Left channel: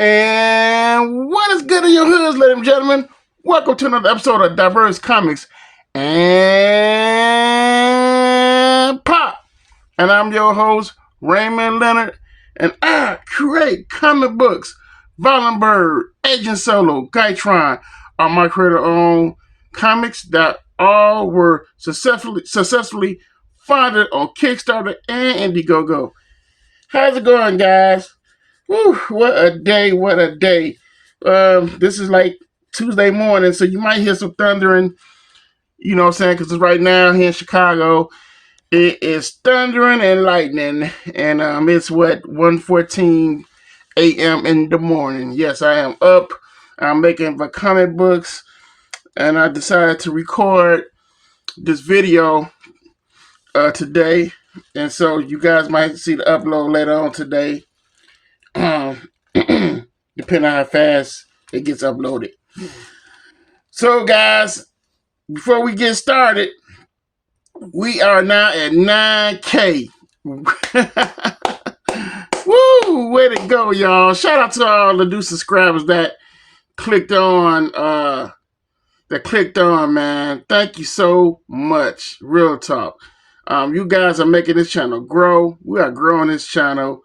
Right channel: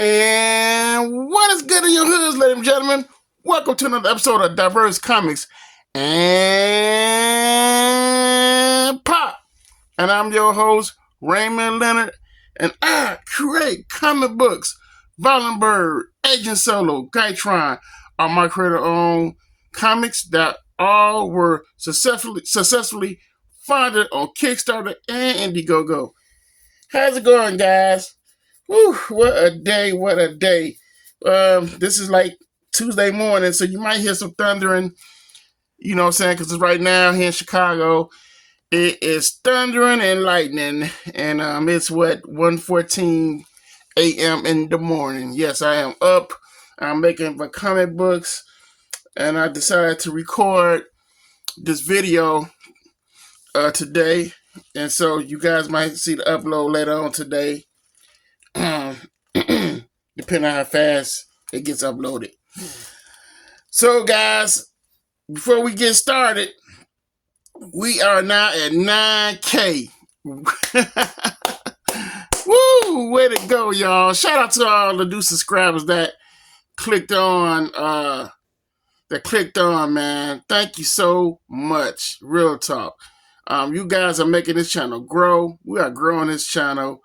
And what is good in your hoods, ladies and gentlemen? Welcome to another episode of Diverse Comics and Pop. And I'm your host, Raymond Leonard, and I create comic books. Bird, Agent Solo, Gytron are my creator-owned comics that all were successfully funded on Kickstarter and Indiegogo. How's it going, guys? Whew, what a day, what a day. This is like Tuesday morning, so you might hear some thundering, you know what I'm saying, because right now here in Chicago, it is thundering and lightning, and it's what, 1:14 a.m. in the morning. Yes, I am up. I'm making the comic books, and I decided to record this video today, and so you guys might see the upload later on today. Depending on how fast it gets uploaded. So, guys, before we get started, we are now at 9K. Woo! Way to go, y'all. Shout out to all the new subscribers that clicked on, man. Thank you so much. Real talk. You guys are making this channel grow. We are growing this channel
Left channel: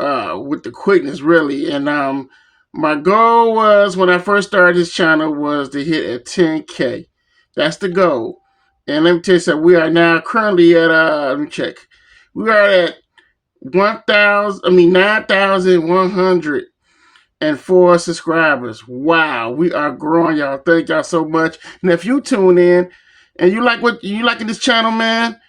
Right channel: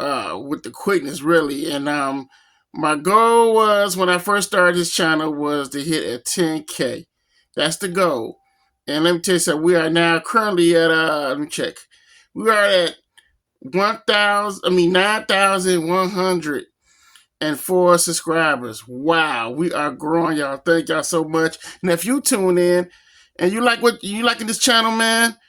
with the quickness, really. And my goal was, when I first started this channel, was to hit at 10K. That's the goal. And let me tell you something, we are now currently at let me check. We are at 9,104 subscribers. Wow, we are growing, y'all. Thank y'all so much. And if you tune in and you like what you like in this channel, man,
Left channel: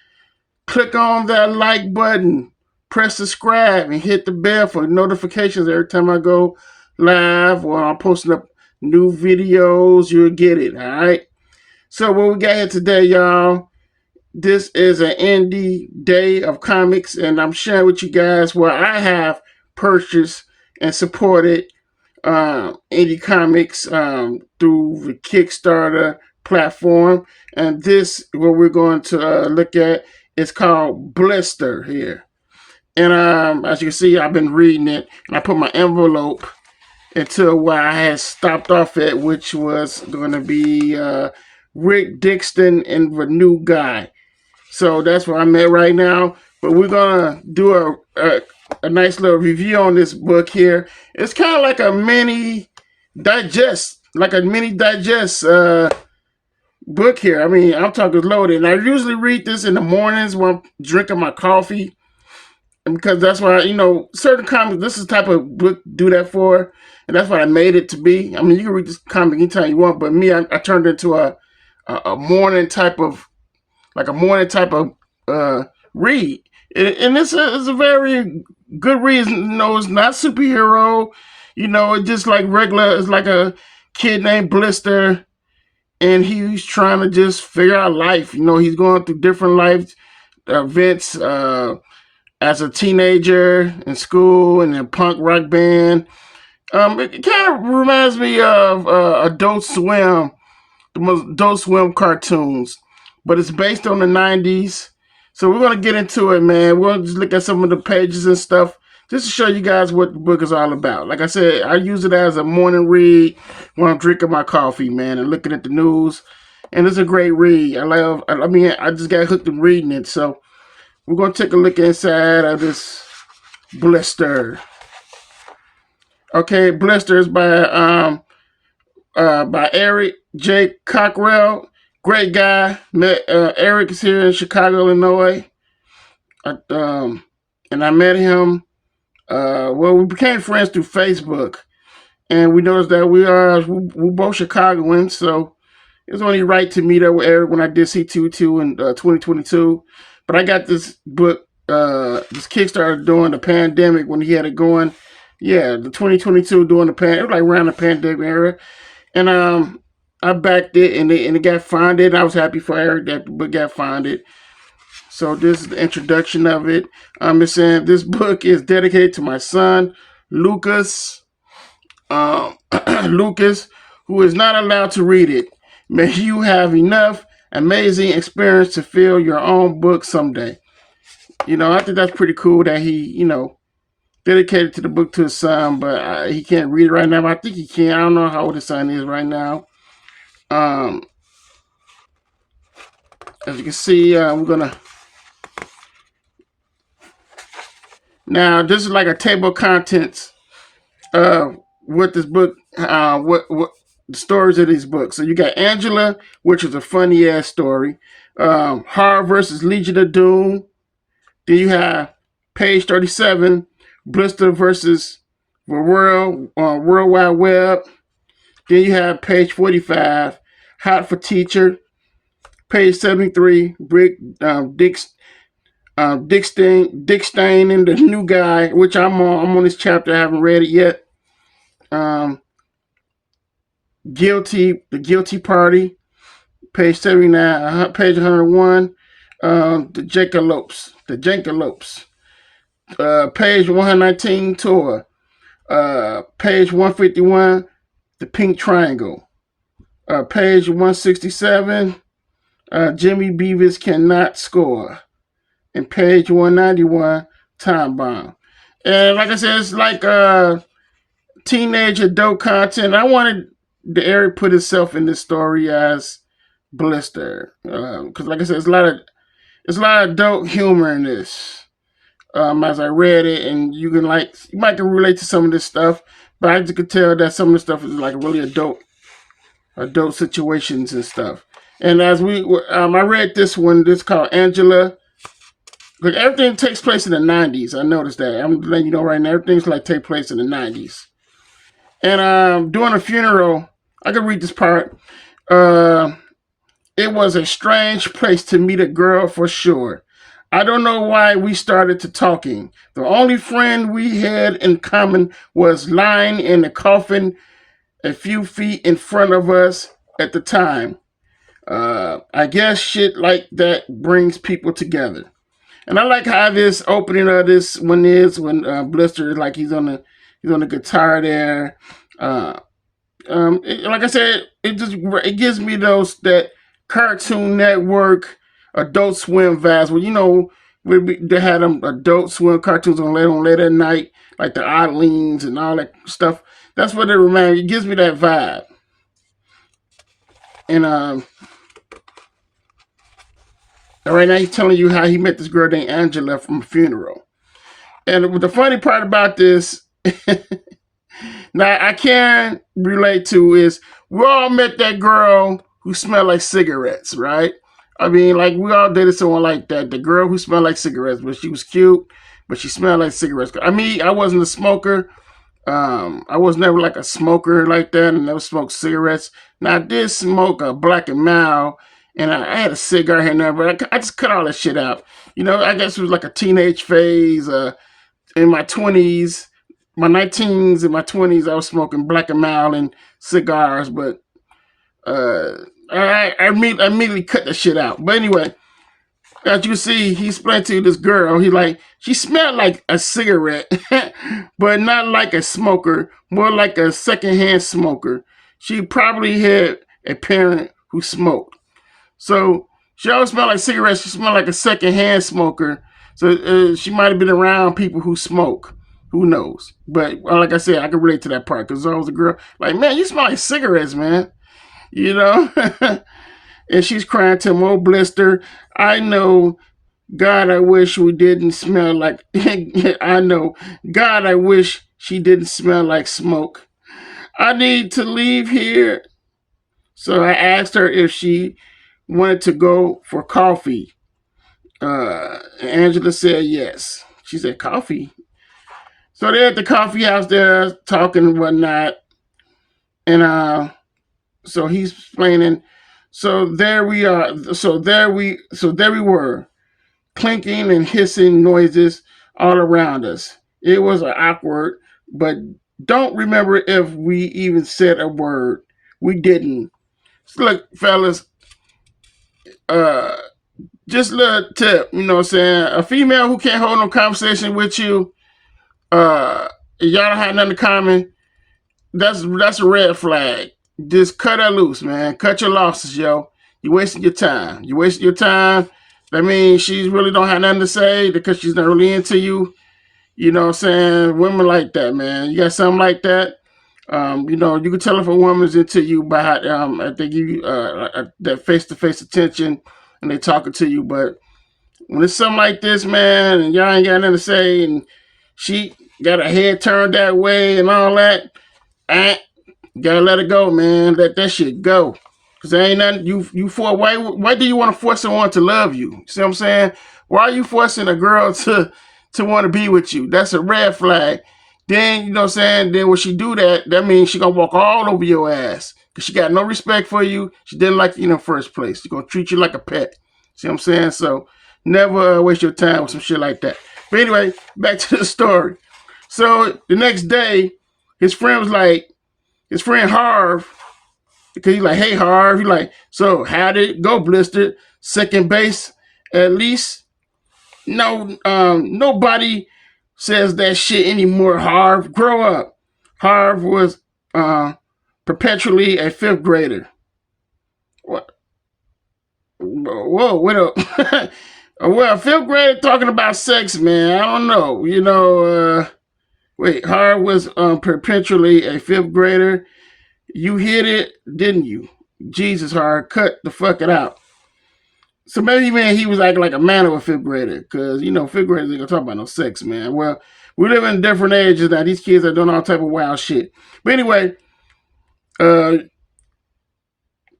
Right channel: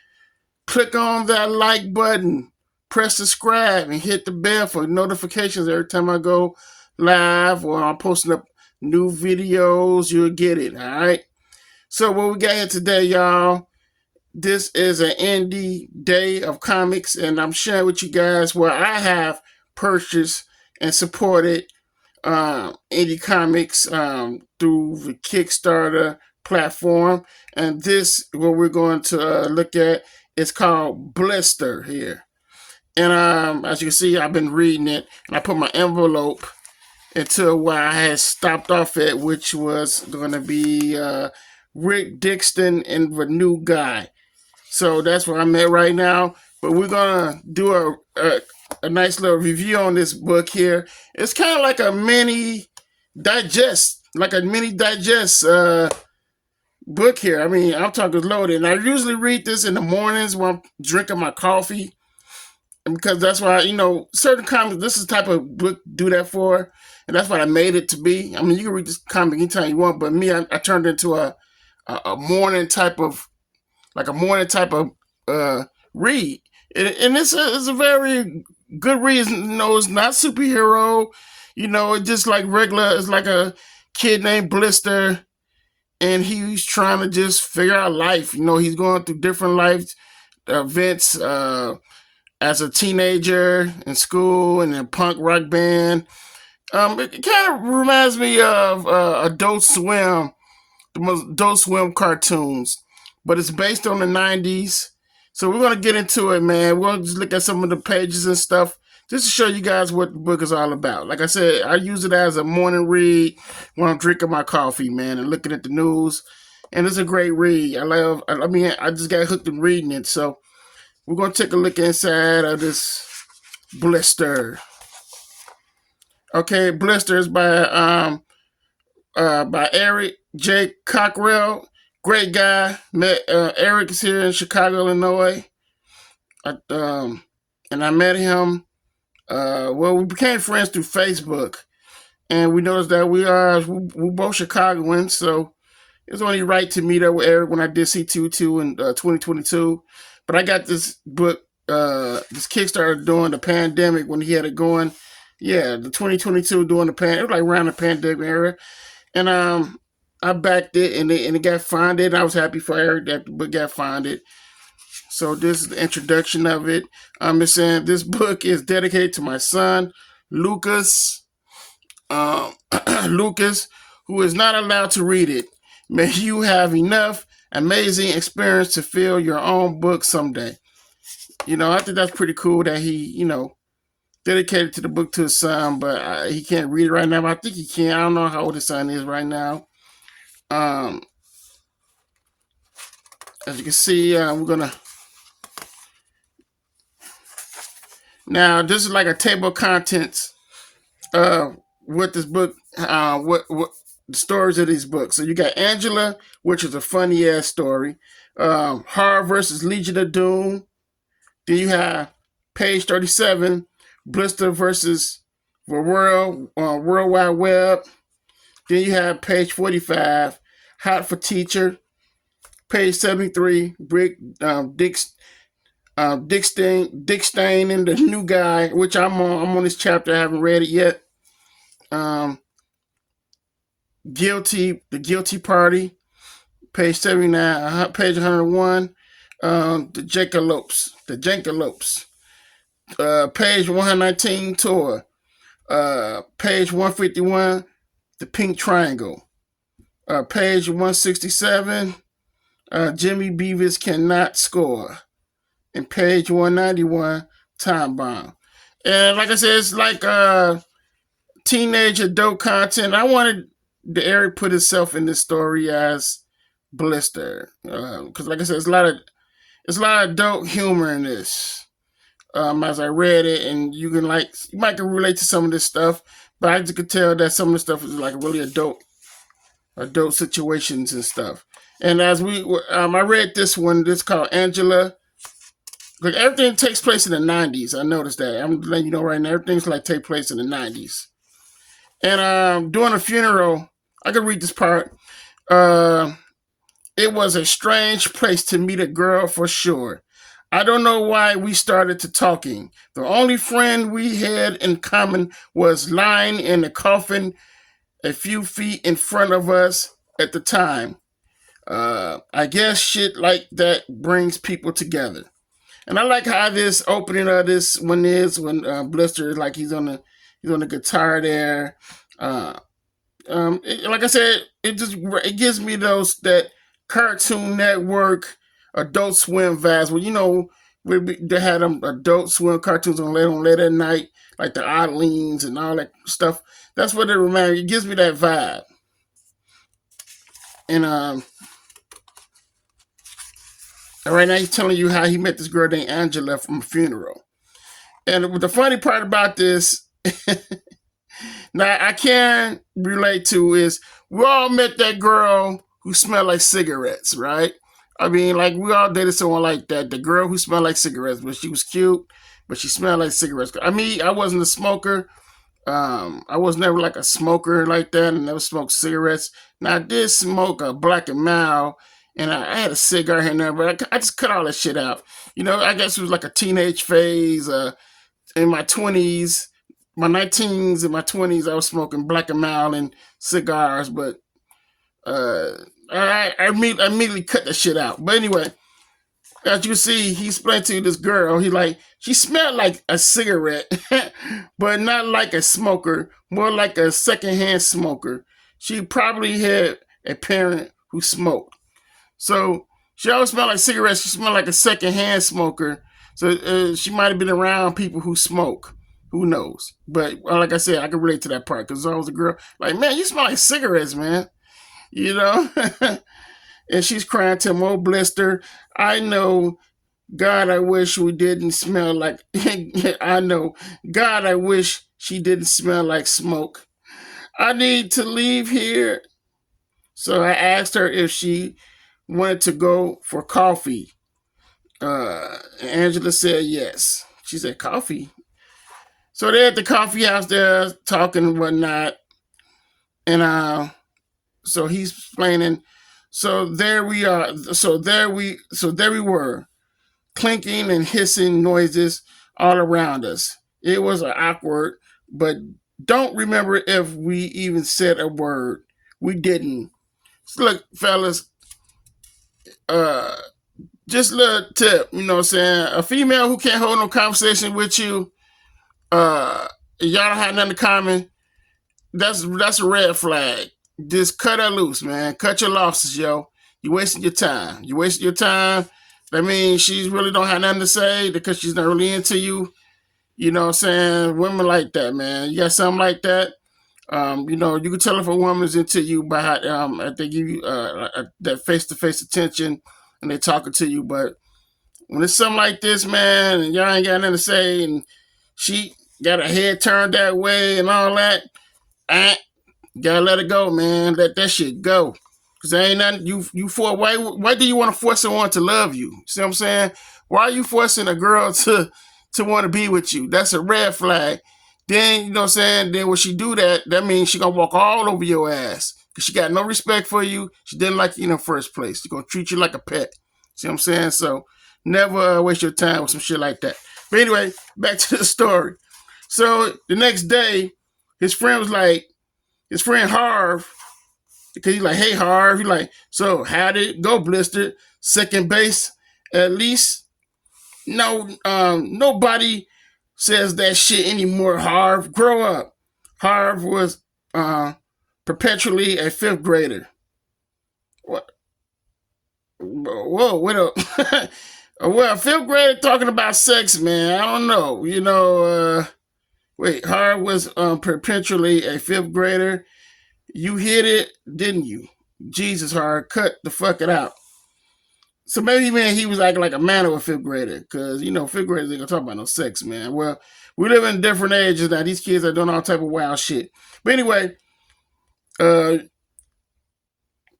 click on that like button. Press subscribe and hit the bell for notifications every time I go live or I'm posting up new videos. You'll get it, all right? So what we got here today, y'all, this is an indie day of comics, and I'm sharing with you guys where I have purchased and supported indie comics through the Kickstarter platform. And this, what we're going to look at, is called Blister here. And as you can see, I've been reading it, and I put my envelope into where I had stopped off at, which was going to be Rick Dixon and the New Guy. So that's where I'm at right now. But we're going to do a nice little review on this book here. It's kind of like a mini digest, book here. I mean, I'm talking loaded. And I usually read this in the mornings when I'm drinking my coffee. Because that's why, certain comics, this is the type of book do that for, and that's what I made it to be. I mean, you can read this comic anytime you want, but me, I turned it into a morning type of, read. And this is a very good reason. It's not superhero. It's just like regular. It's like a kid named Blister, and he's trying to just figure out life. He's going through different life events, as a teenager in school and a punk rock band. It kind of reminds me of Adult Swim, the most Adult Swim cartoons, but it's based on the 90s. So we're going to get into it, man. We'll just look at some of the pages and stuff just to show you guys what the book is all about. Like I said, I use it as a morning read when I'm drinking my coffee, man, and looking at the news. And it's a great read. I just got hooked in reading it, so we're going to take a look inside of this Blister. Okay, Blister is by Eric J. Cockrell. Great guy. Met Eric is here in Chicago, Illinois. And I met him. We became friends through Facebook. And we noticed that we both Chicagoans, so it was only right to meet up with Eric when I did C22 in 2022. But I got this book, this Kickstarter during the pandemic when he had it going. Yeah, the 2022 during the pandemic, like around the pandemic era. And I backed it, and it got funded. I was happy for Eric that the book got funded. So this is the introduction of it. It's saying this book is dedicated to my son, Lucas. Lucas, who is not allowed to read it. May you have enough amazing experience to fill your own book someday. I think that's pretty cool that he, dedicated to the book to his son, but he can't read it right now. But I think he can. I don't know how old his son is right now. As you can see, we're gonna. Now this is like a table of contents with this book. What the stories of these books. So you got Angela, which is a funny ass story. Horror versus Legion of Doom. Then you have page 37, Blister versus the World Wide Web. Then you have page 45, Hot for Teacher. Page 73, Dick Stain and the New Guy, which I'm on this chapter. I haven't read it yet. The Guilty Party. Page 79, page 101. The Jankalopes. Page 119, Tour. Page 151, The Pink Triangle. Page 167, Jimmy Beavis Cannot Score. And page 191, Time Bomb. And like I said, it's like teenage adult content. I wanted the Eric put himself in this story as Blister. Because like I said, it's a lot of adult humor in this. As I read it, and you might can relate to some of this stuff, but I just could tell that some of the stuff is like really adult situations and stuff. And as I read this one, this called Angela. Like everything takes place in the 90s. I noticed that. I'm letting you know right now, everything's like take place in the 90s. And during a funeral, I can read this part. It was a strange place to meet a girl for sure. I don't know why we started to talking. The only friend we had in common was lying in the coffin a few feet in front of us at the time. I guess shit like that brings people together. And I like how this opening of this one is when Blister, like he's on the guitar there. Like I said, it gives me that Cartoon Network, Adult Swim vibes. Well, they had them Adult Swim cartoons on late at night, like the Oddlings and all that stuff. That's what it reminds me. It gives me that vibe. And right now he's telling you how he met this girl named Angela from a funeral. And the funny part about this, now I can relate to, is we all met that girl who smelled like cigarettes, right? I mean, like we all dated someone like that. The girl who smelled like cigarettes, but she was cute, but she smelled like cigarettes. I mean, I wasn't a smoker. I was never like a smoker like that, and never smoked cigarettes. Now I did smoke a Black and Mild, and I had a cigar here and there, but I just cut all that shit out. I guess it was like a teenage phase. In my 20s, my 19s and my 20s, I was smoking Black and Mild and cigars, but I immediately cut the shit out. But anyway, as you see, he explained to this girl, she smelled like a cigarette, but not like a smoker, more like a secondhand smoker. She probably had a parent who smoked. So she always smelled like cigarettes. She smelled like a secondhand smoker. So she might have been around people who smoke. Who knows? But like I said, I can relate to that part because I was a girl. Like, man, you smell like cigarettes, man. And she's crying to him, oh, Blister, I know, God, I wish we didn't smell like, I know, God, I wish she didn't smell like smoke. I need to leave here. So I asked her if she wanted to go for coffee. Angela said yes. She said, coffee? So they're at the coffee house there talking and whatnot. And so he's explaining. So there we are. So there we were, clinking and hissing noises all around us. It was awkward, but don't remember if we even said a word. We didn't. So look, fellas, just a little tip, you know what I'm saying? A female who can't hold no conversation with you, y'all don't have nothing in common, that's a red flag. Just cut her loose, man. Cut your losses, yo. You're wasting your time. That means she really don't have nothing to say because she's not really into you. You know what I'm saying? Women like that, man. You got something like that? You know, you can tell if a woman's into you by how they give you that face-to-face attention and they talking to you. But when it's something like this, man, and y'all ain't got nothing to say, and she got her head turned that way and all that, gotta let it go, man. Let that shit go. Cause there ain't nothing you for. Why do you want to force someone to love you? See what I'm saying? Why are you forcing a girl to want to be with you? That's a red flag. Then you know what I'm saying. Then when she do that, that means she gonna walk all over your ass. Cause she got no respect for you. She didn't like you in the first place. She gonna treat you like a pet. See what I'm saying? So never waste your time with some shit like that. But anyway, back to the story. So the next day, his friend Harv, because he's like, hey Harv, he's like, so how did it go, Blister? Second base, at least? No, nobody says that shit anymore, Harv. Grow up. Harv was perpetually a fifth grader. What? Whoa, wait up. Well, fifth grader talking about sex, man. I don't know. You know, wait, Harv was perpetually a fifth grader. You hit it, didn't you? Jesus, Harv, cut the fuck it out. So maybe, man, he was acting like a man of a fifth grader, because, you know, fifth graders ain't gonna talk about no sex, man. Well, we live in different ages now. These kids are doing all type of wild shit. But anyway,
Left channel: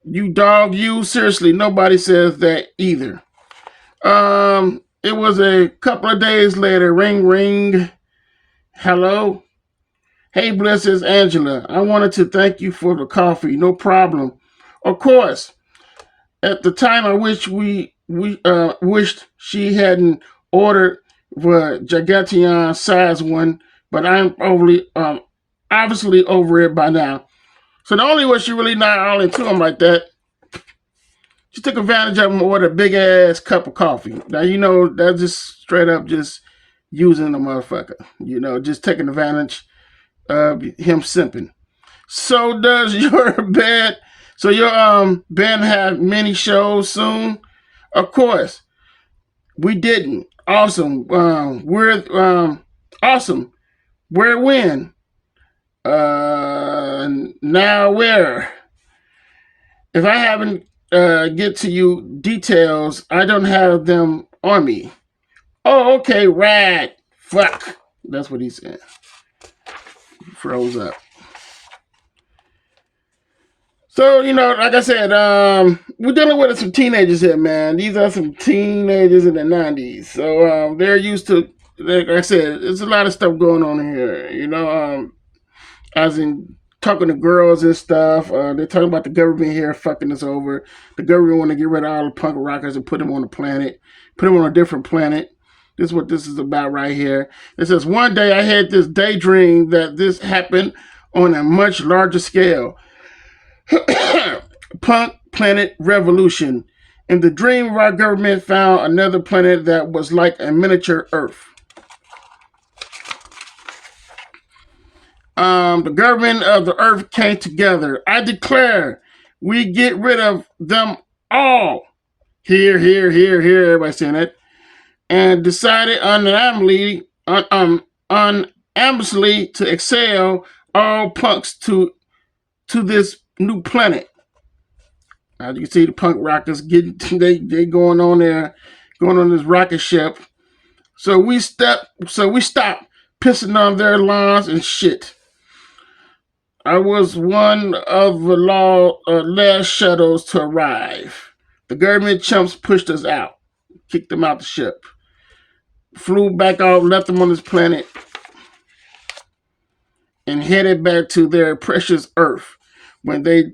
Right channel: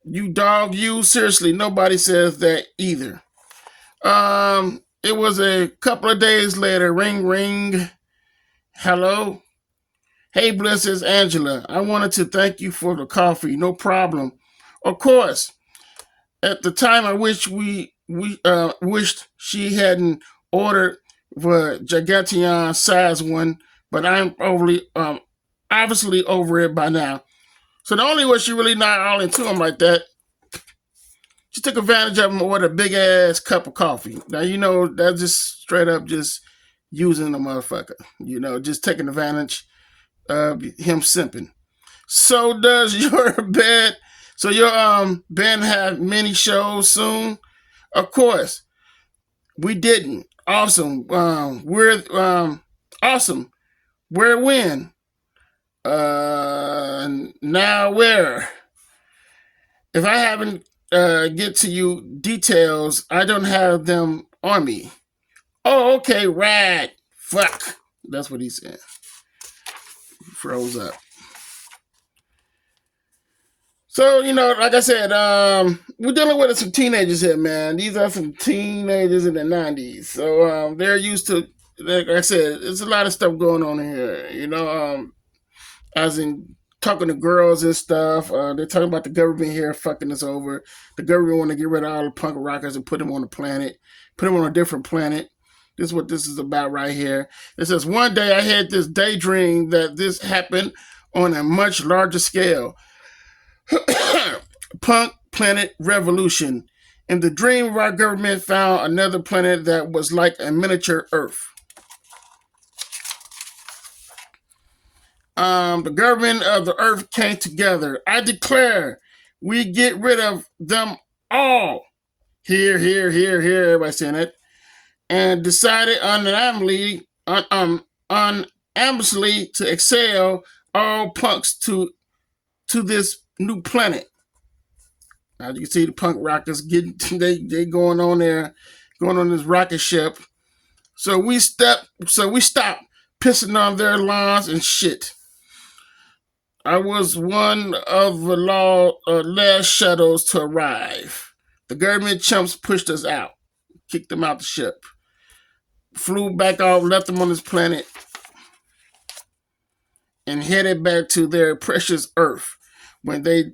you dog, you, seriously, nobody says that either. It was a couple of days later, ring, ring, hello? Hey, Bliss, it's Angela. I wanted to thank you for the coffee. No problem. Of course. At the time, I wish we wished she hadn't ordered the giganteon size one, but I'm obviously over it by now. So the only way she really not all into him like that, she took advantage of him and ordered a big ass cup of coffee. Now, you know, that's just straight up just using the motherfucker. You know, just taking advantage of him simping. So does your band? So your band have many shows soon? Of course, we didn't. Awesome. We're awesome. Where when? Now where? If I haven't get to you details, I don't have them on me. Oh, okay, rad. Fuck. That's what he said. He froze up. So, you know, like I said, we're dealing with some teenagers here, man. These are some teenagers in the 90s. So they're used to, like I said, there's a lot of stuff going on here. You know, as in talking to girls and stuff. They're talking about the government here fucking us over. The government want to get rid of all the punk rockers and put them on a planet, put them on a different planet. This is what this is about right here. It says, one day I had this daydream that this happened on a much larger scale. Punk planet revolution. In the dream of our government found another planet that was like a miniature Earth. The government of the Earth came together. I declare we get rid of them all. Here, everybody saying it. And decided unanimously to exhale all punks to this new planet. As you can see, the punk rockers they going on there, going on this rocket ship. So we stopped pissing on their lawns and shit. I was one of the last shadows to arrive. The government chumps pushed us out, kicked them out the ship, flew back out, left them on this planet, and headed back to their precious Earth. When they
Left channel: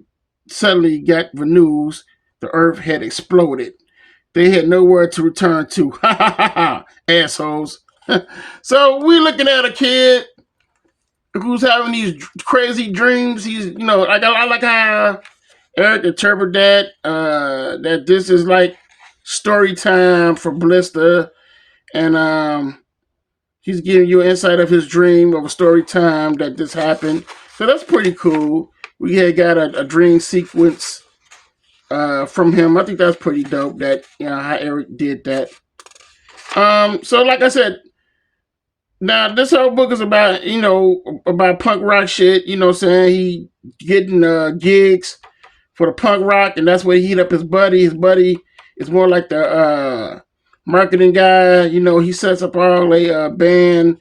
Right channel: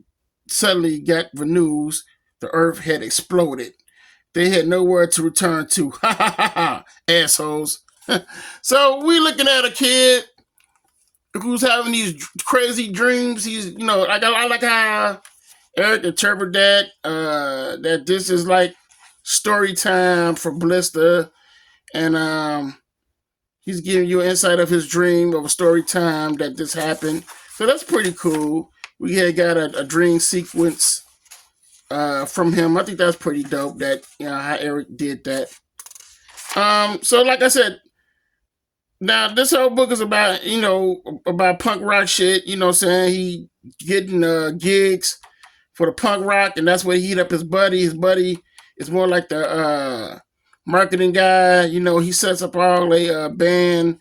suddenly got the news, the Earth had exploded. They had nowhere to return to. Ha ha ha ha, assholes. So we're looking at a kid who's having these crazy dreams. He's, you know, I like how Eric interpreted that, that this is like story time for Blister, and he's giving you an insight of his dream of a story time that this happened. So that's pretty cool. We had got a dream sequence from him. I think that's pretty dope that, you know, how Eric did that. So like I said, Now this whole book is about, about punk rock shit. You know what I'm saying? He getting gigs for the punk rock, and that's where he hit up his buddy. His buddy is more like the marketing guy. You know, he sets up all the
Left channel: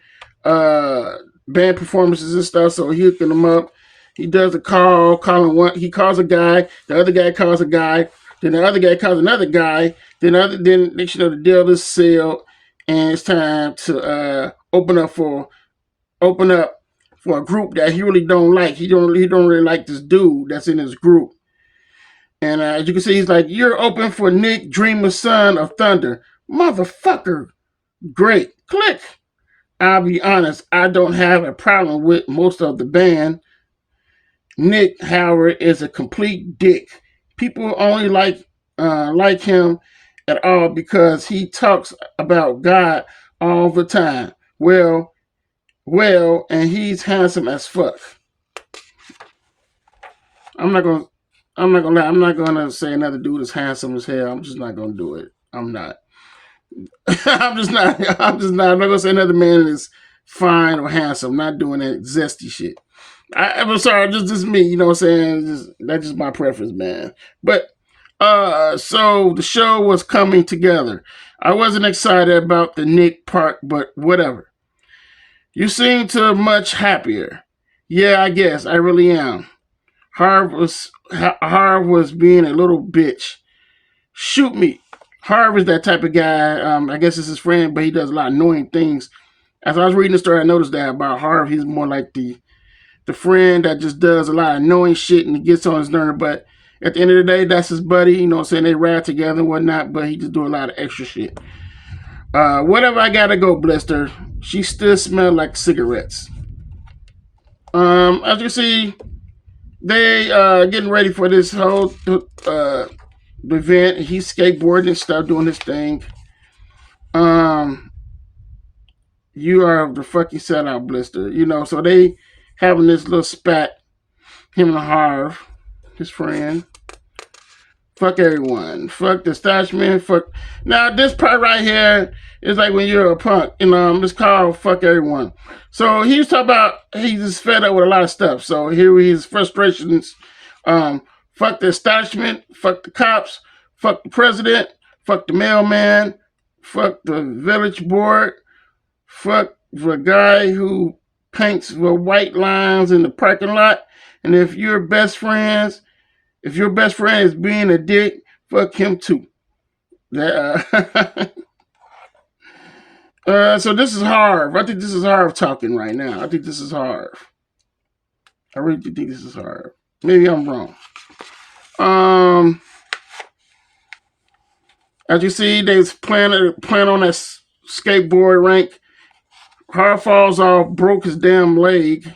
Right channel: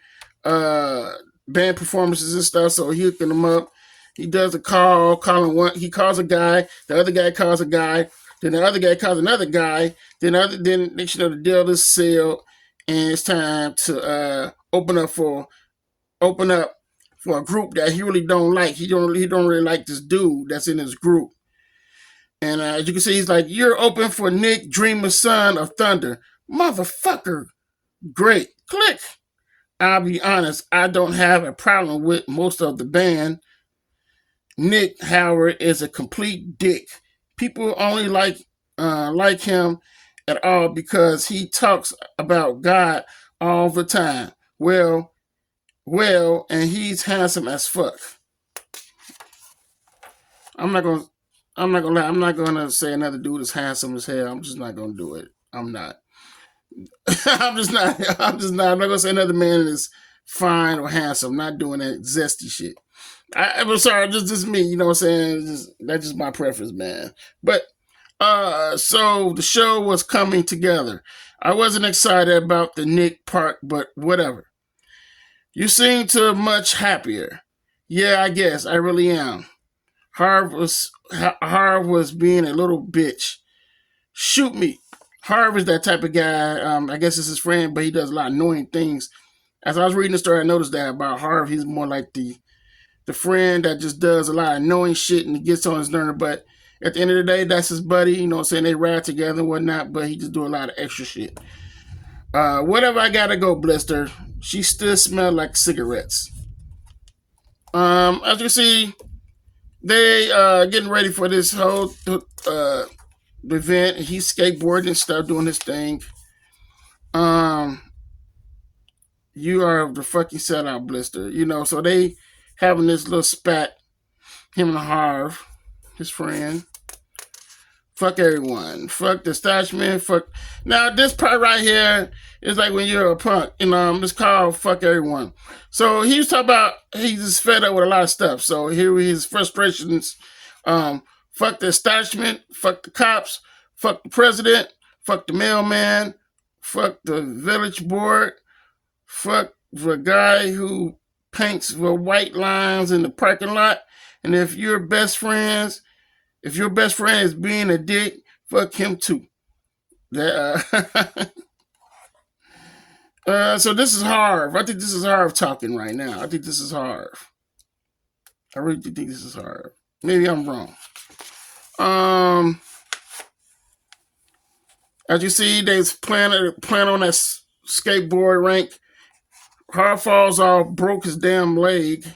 band performances and stuff. So he hooking them up. He does a calling one. He calls a guy. The other guy calls a guy. Then the other guy calls another guy. Then next you know the deal is sealed, and it's time to open up for a group that he really don't like. He don't really like this dude that's in his group. And as you can see, he's like, "You're open for Nick Dreamer, son of Thunder, motherfucker." Great, click. I'll be honest, I don't have a problem with most of the band. Nick, however, is a complete dick. People only like him at all because he talks about God all the time. And he's handsome as fuck. I'm not gonna. I'm not gonna lie. I'm not gonna say another dude is handsome as hell. I'm just not gonna do it. I'm not. I'm just not. I'm not gonna say another man is fine or handsome. I'm not doing that zesty shit. I'm sorry. Just me. You know what I'm saying? That's just my preference, man. But so the show was coming together. I wasn't excited about the Nick part, but whatever. You seem to much happier. Yeah, I guess I really am. Harv was being a little bitch. Shoot me. Harv is that type of guy. I guess it's his friend, but he does a lot of annoying things. As I was reading the story, I noticed that about Harv. He's more like the friend that just does a lot of annoying shit and he gets on his nerve. But at the end of the day, that's his buddy. You know what I'm saying? They ride together and whatnot, but he just do a lot of extra shit. Whatever, I gotta go, Blister. She still smelled like cigarettes. As you see, they getting ready for this whole event. He's skateboarding and stuff, doing his thing. Um, you are the fucking sellout, Blister. You know, so they having this little spat. Him and Harv, his friend. Fuck everyone. Fuck the establishment. Fuck. Now this part right here is like when you're a punk. It's called fuck everyone. So he was talking about he's just fed up with a lot of stuff. So here his frustrations. Fuck the establishment. Fuck the cops. Fuck the president. Fuck the mailman. Fuck the village board. Fuck the guy who paints the white lines in the parking lot. And if your best friend is being a dick, fuck him too. So this is Harv. I think this is Harv talking right now. I think this is Harv. I really think this is Harv. Maybe I'm wrong. As you see, they's playing on that skateboard rink. Harv falls off, broke his damn leg.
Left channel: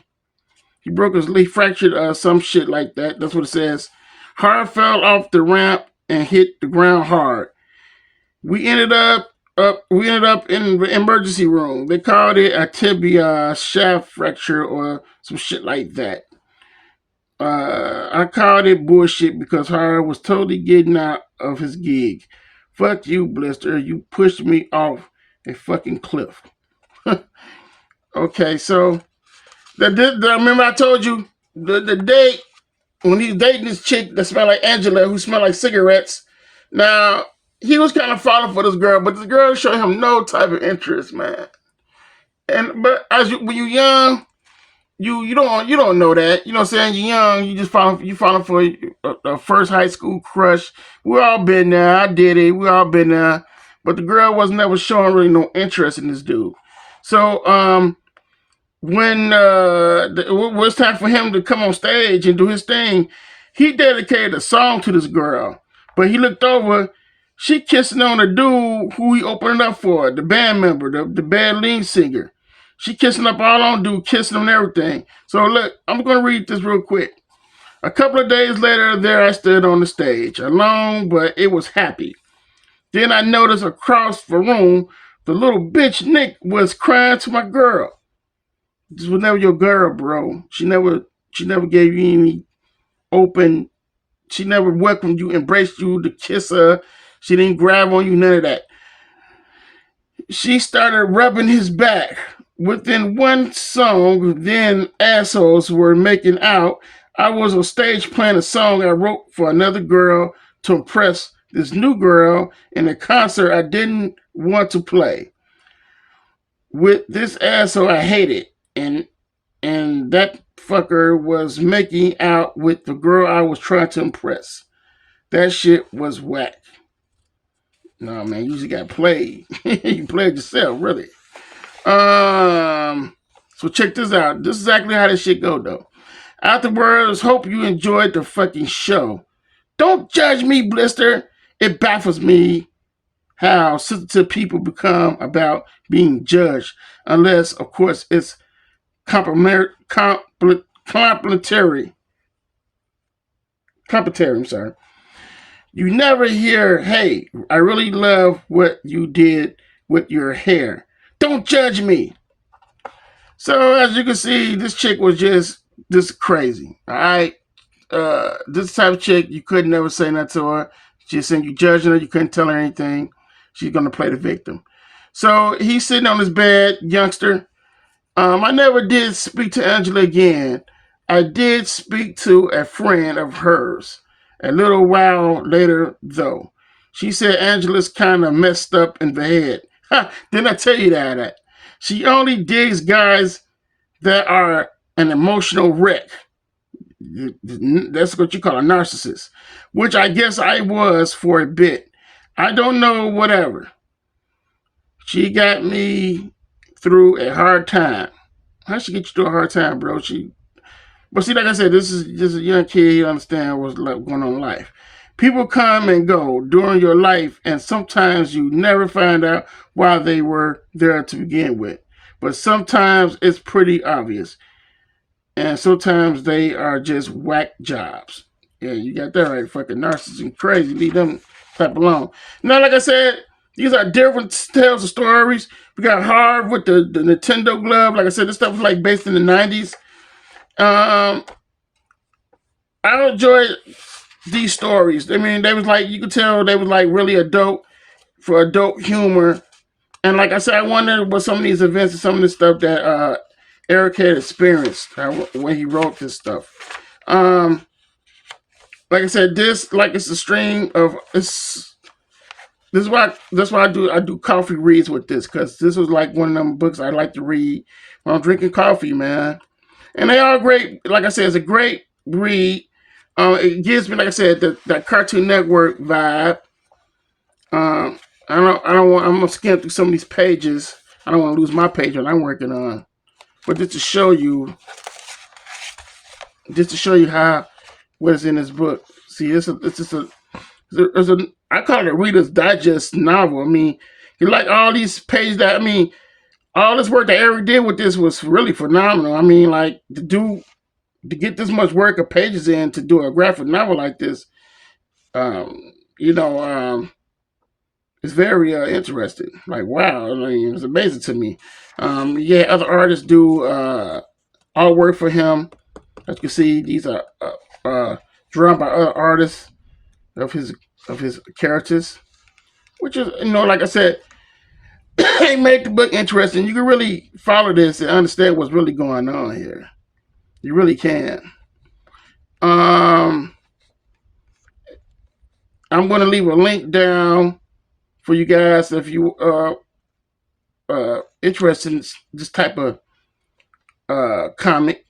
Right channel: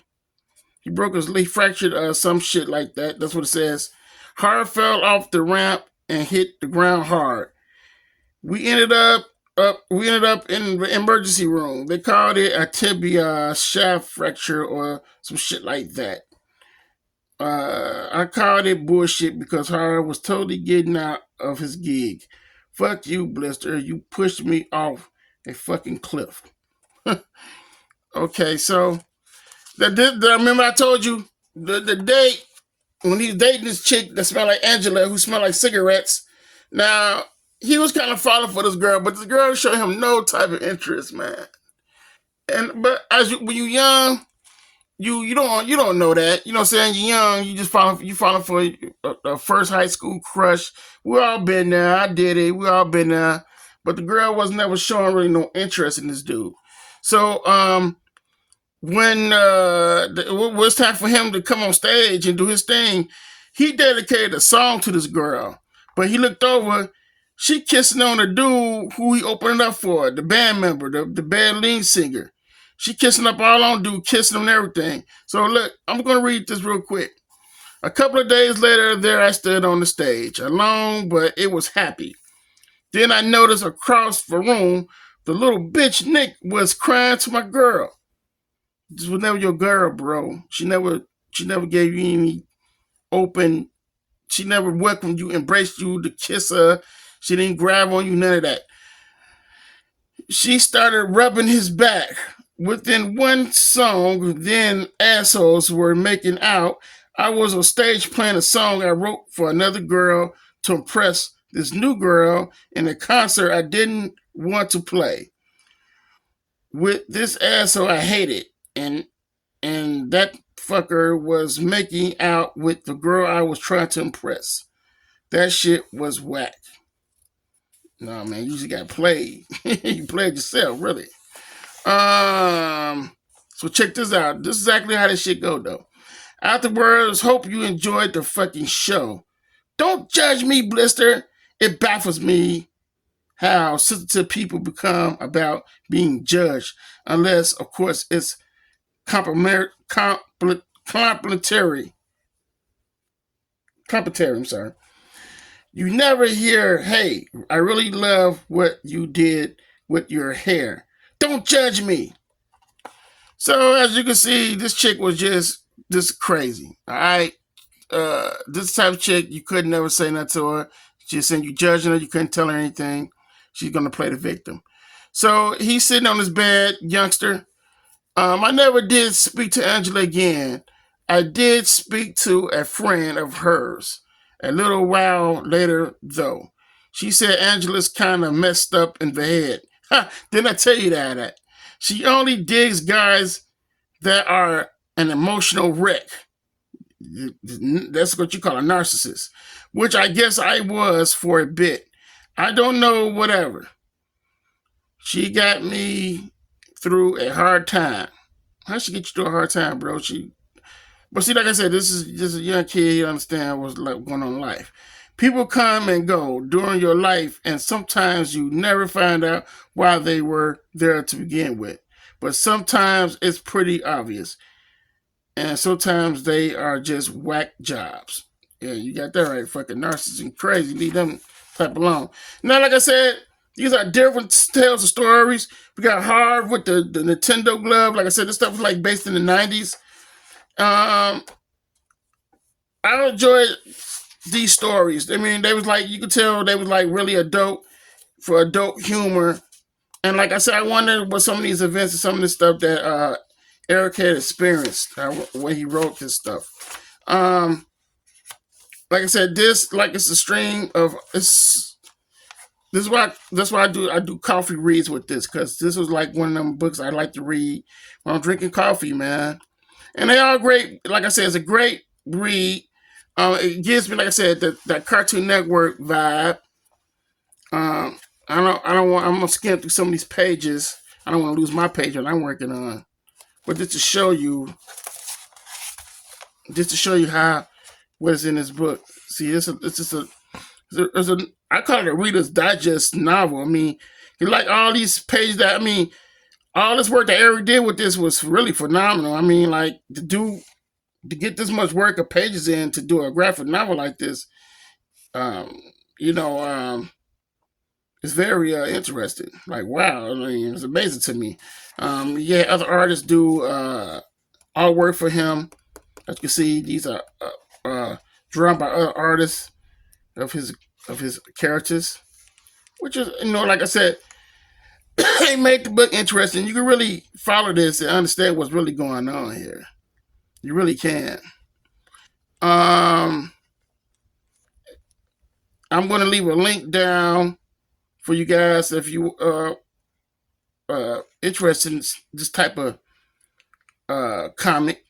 He fractured some shit like that. That's what it says. Harv fell off the ramp and hit the ground hard. We ended up in the emergency room. They called it a tibia shaft fracture or some shit like that. I called it bullshit because Harv was totally getting out of his gig. Fuck you, Blister. You pushed me off a fucking cliff. Okay, so remember I told you the date when he was dating this chick that smelled like Angela, who smelled like cigarettes. Now he was kind of falling for this girl, but this girl showed him no type of interest, man. But when you're young, you don't know that. You know what I'm saying? You're young, you falling for a first high school crush. We all been there. I did it. We all been there. But the girl was never showing really no interest in this dude. So when it was time for him to come on stage and do his thing, he dedicated a song to this girl. But he looked over, she kissing on the dude who he opened up for, the band member, the band lead singer. She kissing up all on dude, kissing him and everything. So look, I'm going to read this real quick. A couple of days later, there I stood on the stage, alone, but it was happy. Then I noticed across the room, the little bitch Nick was crying to my girl. This was never your girl, bro. She never gave you any open. She never welcomed you, embraced you to kiss her. She didn't grab on you, none of that. She started rubbing his back. Within one song, then assholes were making out. I was on stage playing a song I wrote for another girl to impress this new girl in a concert I didn't want to play. With this asshole I hated, and that fucker was making out with the girl I was trying to impress. That shit was whack. No, man, you just got played. You played yourself, really. So check this out. This is exactly how this shit go, though. Afterwards, hope you enjoyed the fucking show. Don't judge me, Blister. It baffles me how sensitive people become about being judged, unless, of course, it's complimentary. Complimentary, I'm sorry. You never hear, hey, I really love what you did with your hair. Don't judge me. So as you can see, this chick was just crazy. All right. This type of chick, you could never say nothing to her. She's saying you judging her, you couldn't tell her anything. She's gonna play the victim. So he's sitting on his bed, youngster. I never did speak to Angela again. I did speak to a friend of hers a little while later, though. She said Angela's kind of messed up in the head. Ha! Didn't I tell you that? She only digs guys that are an emotional wreck. That's what you call a narcissist, which I guess I was for a bit. I don't know, whatever. She got me through a hard time. How she get you through a hard time, bro? But see, like I said, this is just a young kid. You understand what's going on in life. People come and go during your life, and sometimes you never find out why they were there to begin with. But sometimes it's pretty obvious. And sometimes they are just whack jobs. Yeah, you got that right. Fucking narcissists and crazy. Leave them type alone. Now, like I said, these are different tales of stories. We got Harv with the Nintendo glove. Like I said, this stuff was like based in the 90s. I enjoy these stories. I mean, they was like, you could tell they was like really adult for adult humor. And like I said, I wondered what some of these events and some of the stuff that Eric had experienced when he wrote this stuff. Like I said, this like it's a stream of it's. This is why that's why I do coffee reads with this, because this was like one of them books I like to read when I'm drinking coffee, man. And they are great. Like I said, it's a great read. It gives me, like I said, that Cartoon Network vibe. I don't want. I'm gonna skim through some of these pages. I don't want to lose my page that I'm working on. But just to show you how what is in this book. See, it's just a I call it a Reader's Digest novel. I mean, you like all these pages that, I mean, all this work that Eric did with this was really phenomenal. I mean, like, to get this much work of pages in to do a graphic novel like this, it's very interesting. Like, wow, I mean, it's amazing to me. Yeah, other artists do artwork for him. As you can see, these are drawn by other artists of his characters, which is, like I said, they made the book interesting. You can really follow this and understand what's really going on here. You really can. I'm going to leave a link down for you guys if you are interested in this type of comic,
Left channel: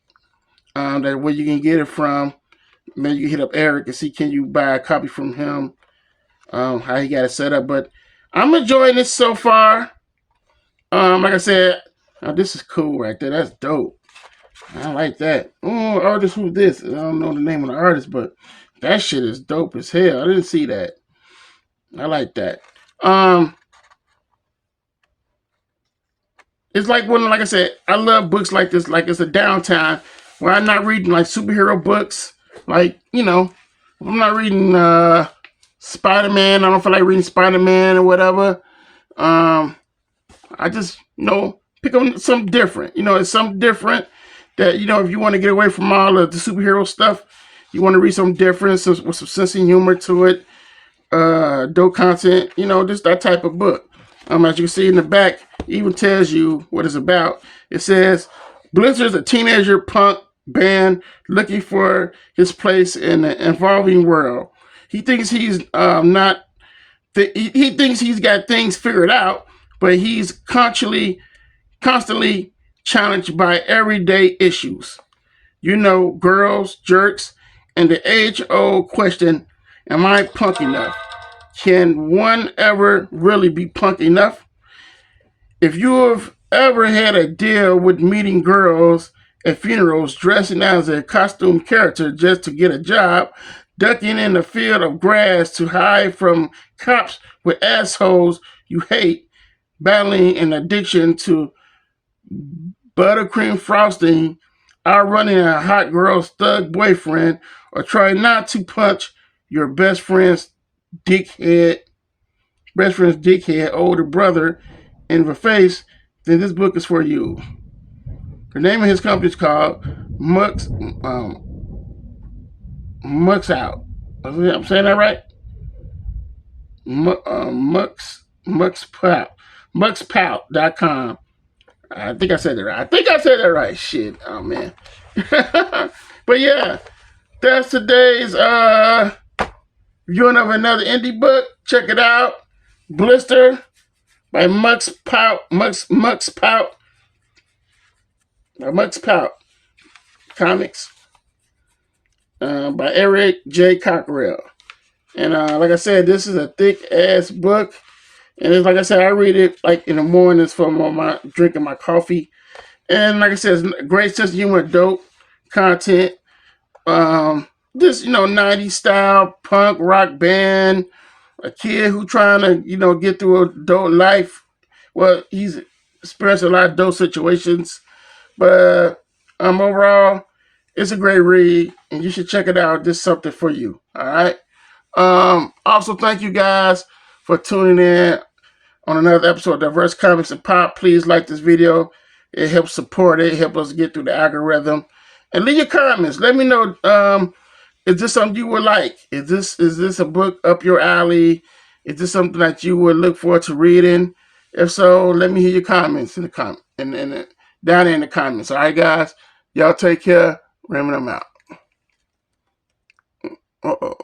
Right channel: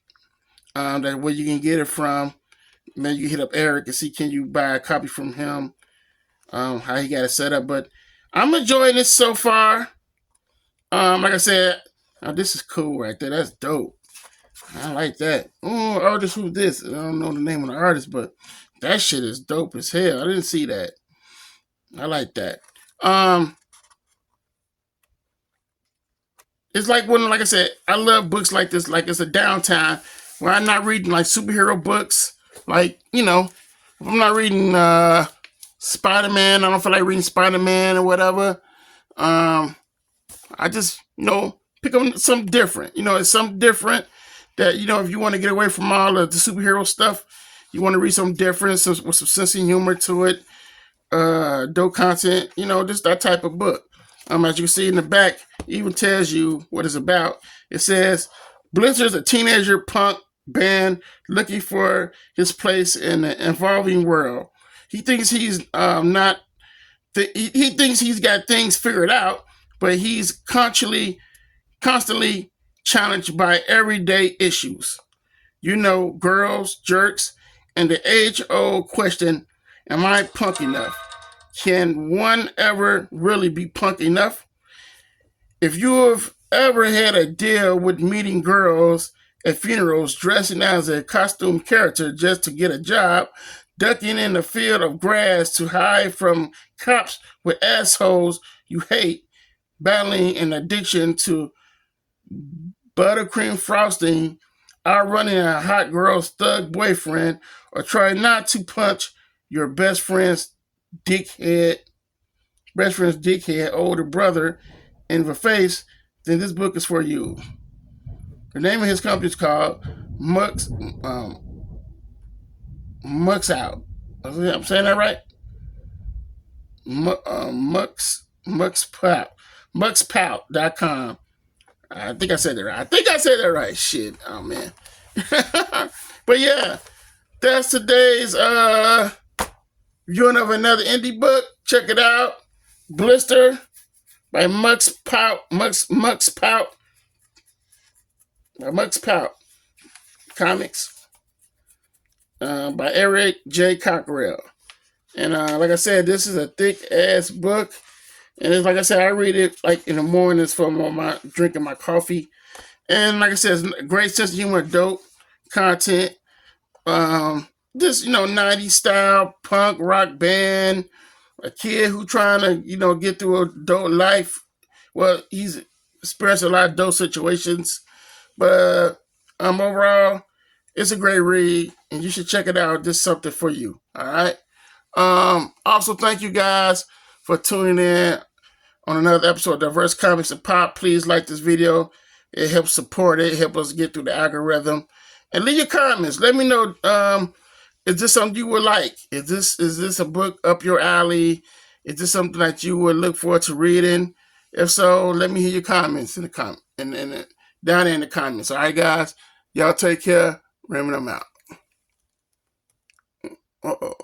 that where you can get it from. Maybe you can hit up Eric and see, can you buy a copy from him, how he got it set up. But I'm enjoying this so far. Like I said, this is cool right there. That's dope. I like that. Oh, artist, who's this? I don't know the name of the artist, but that shit is dope as hell. I didn't see that. I like that. It's like like I said, I love books like this. Like, it's a downtime where I'm not reading like superhero books. Like, if I'm not reading Spider-Man, I don't feel like reading Spider-Man or whatever. I just, pick up something different. It's something different that, if you want to get away from all of the superhero stuff, you want to read something different, with some sense of humor to it, dope content, just that type of book. As you can see in the back, it even tells you what it's about. It says, Blister is a teenager punk band looking for his place in the evolving world. He thinks he's not. He thinks he's got things figured out, but he's constantly challenged by everyday issues. Girls, jerks, and the age-old question, am I punk enough? Can one ever really be punk enough? If you have ever had a deal with meeting girls at funerals, dressing as a costume character just to get a job, ducking in a field of grass to hide from cops with assholes you hate, battling an addiction to buttercream frosting, outrunning a hot girl's thug boyfriend, or trying not to punch your best friend's dickhead older brother in the face, then this book is for you. The name of his company is called Mux Out. I'm saying that right? Muxpout.com. I think I said that right. Shit. Oh man. But yeah, that's today's viewing of another indie book. Check it out. Blister by Muxpout Comics by Eric J. Cockrell. And like I said, this is a thick ass book. And it's, like I said, I read it like in the mornings for my drinking my coffee. And like I said, it's great sense of humor, dope content. This 90s style punk rock band, a kid who trying to get through adult life. Well, he's experienced a lot of those situations, but overall, it's a great read, and you should check it out. This is something for you. All right. Also, thank you guys for tuning in on another episode of Diverse Comics and Pop. Please like this video. It helps support it. It helps us get through the algorithm. And leave your comments. Let me know, is this something you would like? Is this a book up your alley? Is this something that you would look forward to reading? If so, let me hear your comments in the down there in the comments. All right, guys? Y'all take care. Remember, I'm out. Uh-oh.